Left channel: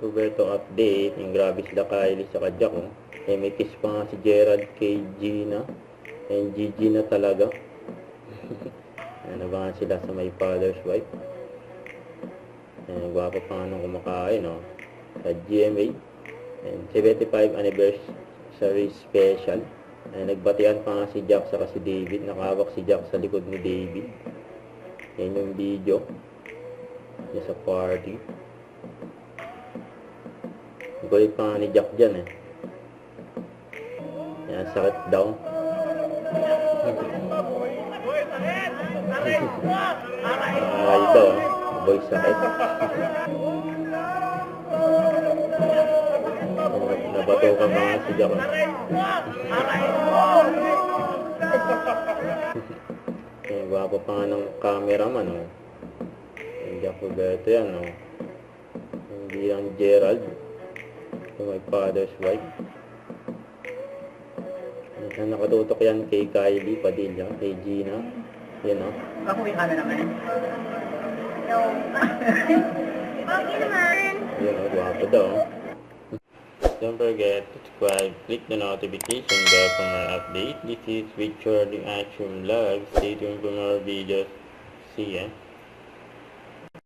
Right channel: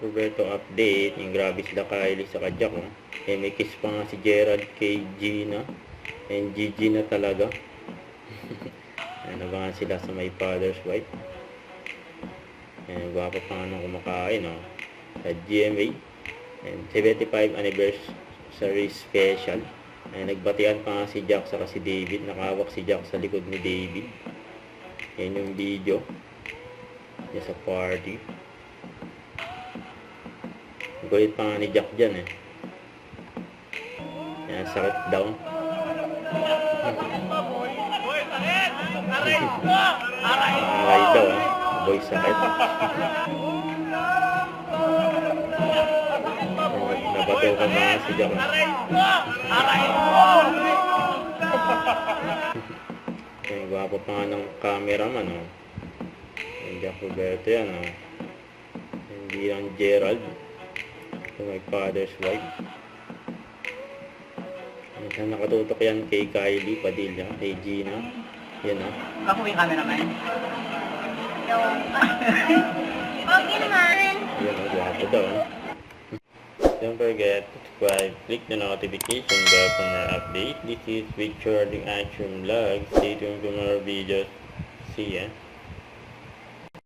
Roberto update. Yung grabe sila Kylie sa Jack. Oh. Eh, may kiss pa nga si Gerald kay Gina. And Gigi na talaga. Nabangan sila sa may father's wife. And gwapo pa nga nung kumakain. Oh. Sa GMA. And 75 anniversary special. And nagbatian pa nga si Jack sa si David. Nakahawak si Jack sa likod ni David. Yan yung video. Yan sa party. Gulit pa nga ni Jack dyan eh. Yan, sakit daw. Aray daw eh. Boy sakit. Nabato ka mga si Jack. Okay, gwapo pa nga ng cameraman oh. Yung Jack Roberto yan oh. Hindi lang Gerald. Ito my father's wife. Nakatutok yan kay Kylie Padilla, kay Gina. Yan oh. Ako yung cameraman. No. Okay naman. Yan oh, gwapo daw. Don't forget to subscribe, click the notification bell for more update. This is Victor the Action Vlog. Stay tuned for more videos. See ya.